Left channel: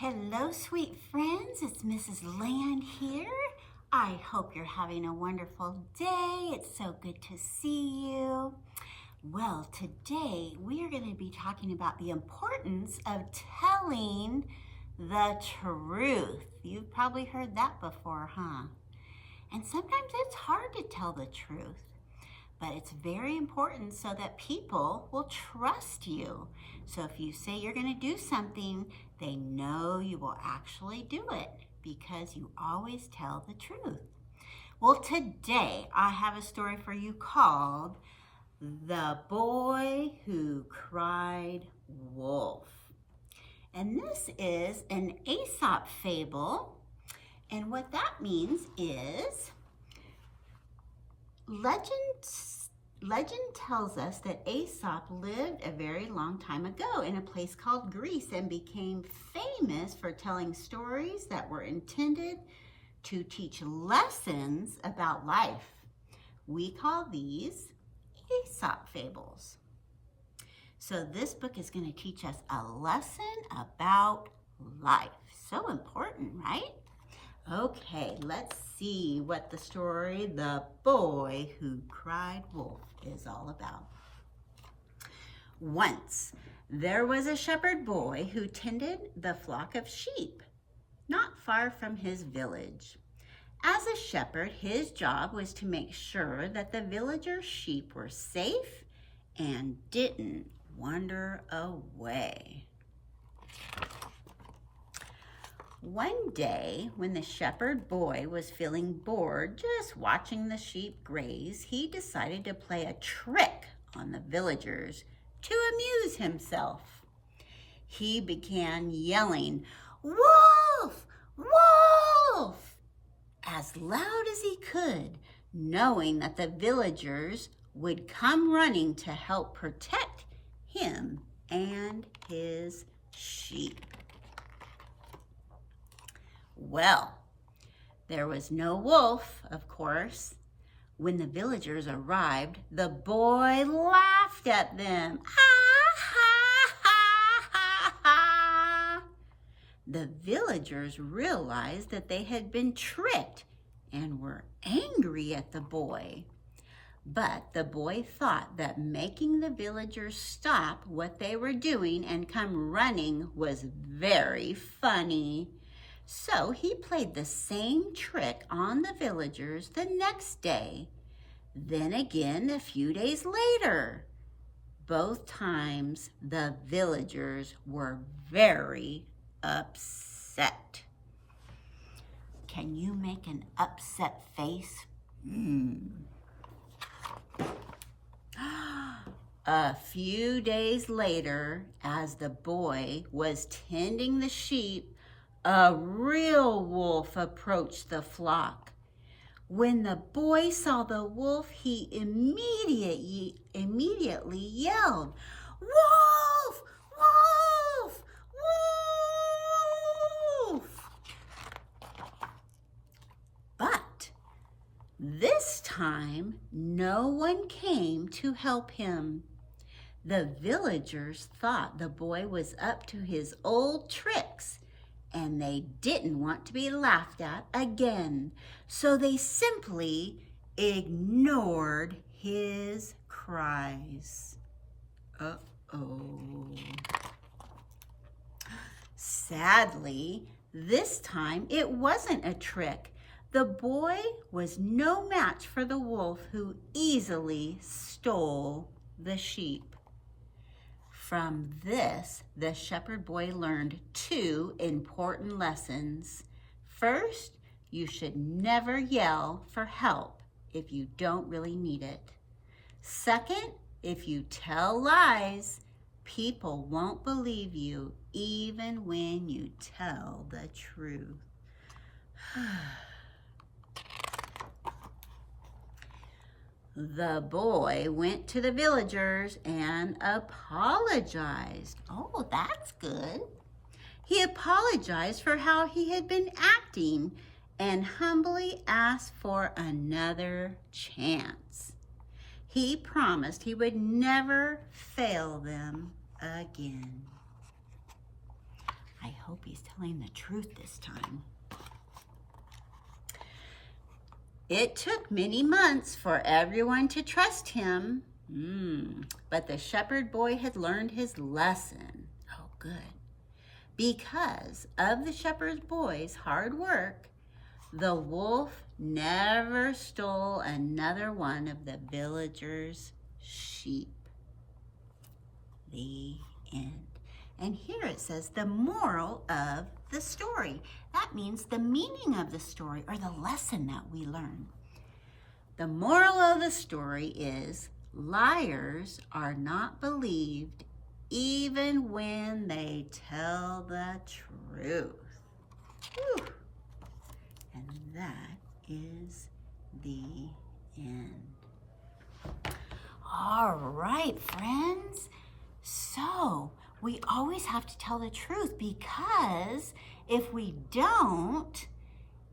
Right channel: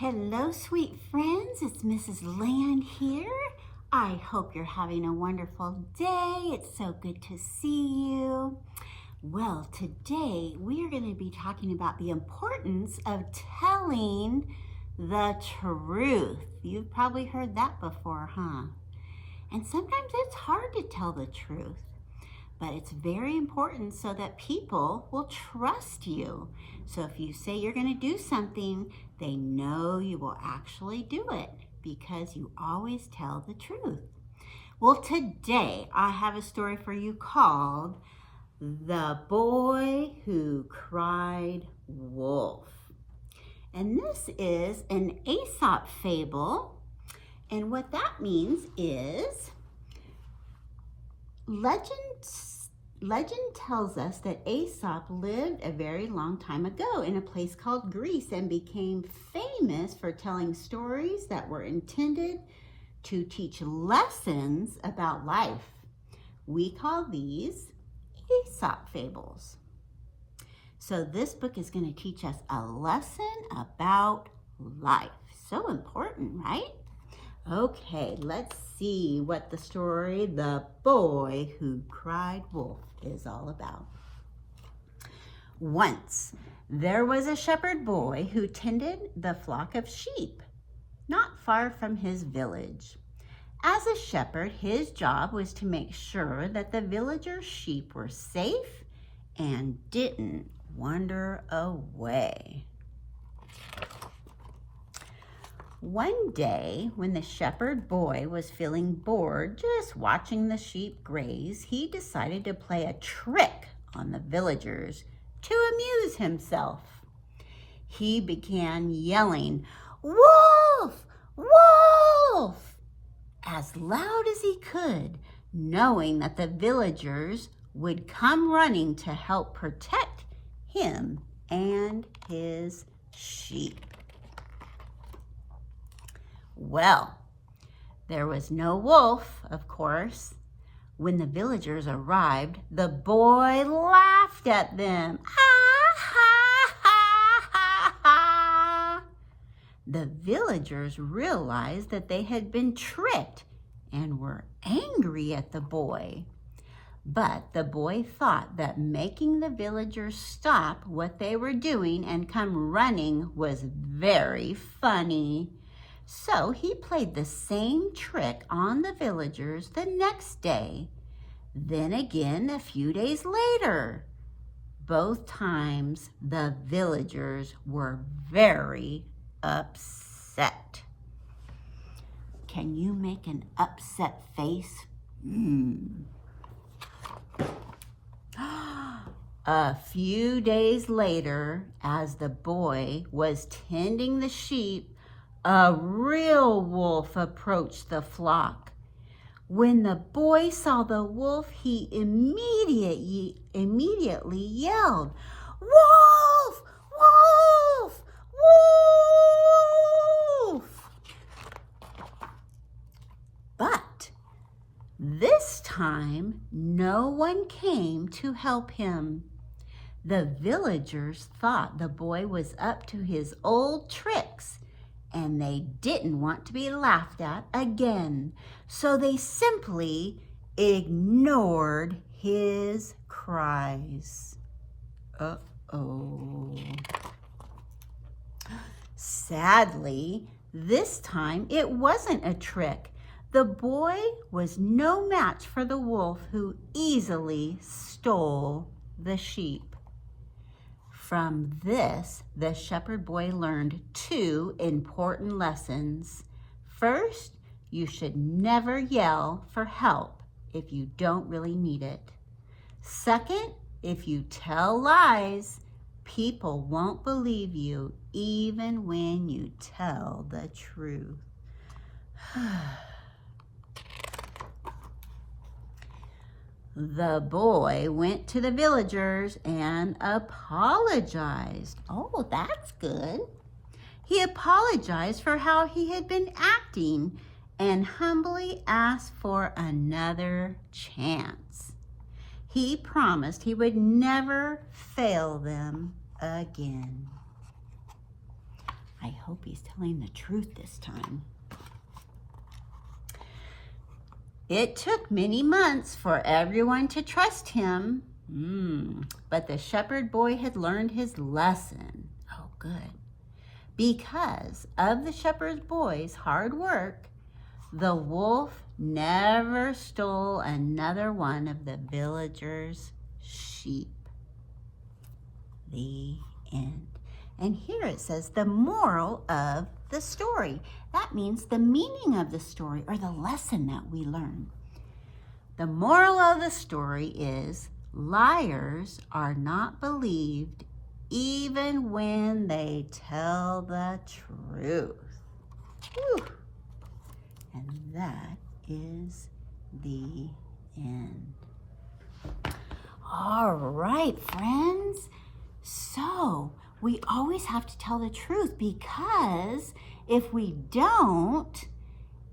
Hello, sweet friends. It's Mrs. Land here. I hope you're having a wonderful day. It's so good to see you. Well, today we are going to be talking about the importance of telling the truth. You've probably heard that before, huh? And sometimes it's hard to tell the truth. But it's very important so that people will trust you. So if you say you're going to do something, they know you will actually do it because you always tell the truth. Well, today I have a story for you called The Boy Who Cried Wolf. And this is an Aesop fable. And what that means is Legend tells us that Aesop lived a very long time ago in a place called Greece and became famous for telling stories that were intended to teach lessons about life. We call these Aesop fables. So this book is going to teach us a lesson about life. So important, right? Okay, let's see what the story, The Boy Who Cried Wolf, is all about. Once, there was a shepherd boy who tended the flock of sheep, not far from his village. As a shepherd, his job was to make sure that the villagers' sheep were safe and didn't wander away. One day, when the shepherd boy was feeling bored just watching the sheep graze, he decided to play a trick on the villagers to amuse himself. He began yelling, "Wolf! Wolf!" as loud as he could, knowing that the villagers would come running to help protect him and his sheep. Well, there was no wolf, of course. When the villagers arrived, the boy laughed at them. Ha, ha, ha, ha, ha. The villagers realized that they had been tricked and were angry at the boy. But the boy thought that making the villagers stop what they were doing and come running was very funny. So he played the same trick on the villagers the next day, then again a few days later. Both times the villagers were very upset. Can you make an upset face? A few days later, as the boy was tending the sheep, a real wolf approached the flock. When the boy saw the wolf, he immediately yelled, "Wolf! Wolf! Wolf!" But this time, no one came to help him. The villagers thought the boy was up to his old tricks, and they didn't want to be laughed at again. So they simply ignored his cries. Uh-oh. Sadly, this time it wasn't a trick. The boy was no match for the wolf, who easily stole the sheep. From this, the shepherd boy learned two important lessons. First, you should never yell for help if you don't really need it. Second, if you tell lies, people won't believe you even when you tell the truth. The boy went to the villagers and apologized. Oh, that's good. He apologized for how he had been acting and humbly asked for another chance. He promised he would never fail them again. I hope hope he's telling the truth this time. It took many months for everyone to trust him. But the shepherd boy had learned his lesson. Oh, good. Because of the shepherd boy's hard work, the wolf never stole another one of the villagers' sheep. The end. And here it says the moral of the story. That means the meaning of the story or the lesson that we learn. The moral of the story is liars are not believed even when they tell the truth. Whew. And that is the end. All right, friends. So we always have to tell the truth, because if we don't,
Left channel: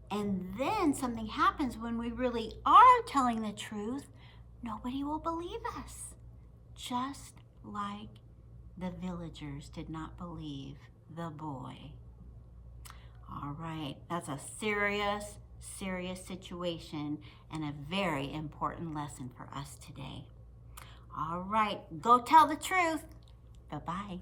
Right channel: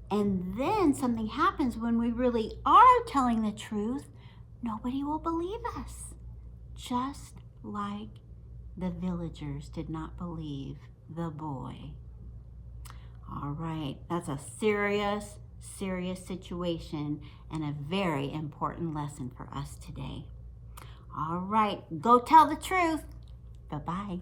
and then something happens when we really are telling the truth, nobody will believe us. Just like the villagers did not believe the boy. All right, that's a serious situation and a very important lesson for us today. All right, go tell the truth. Bye-bye.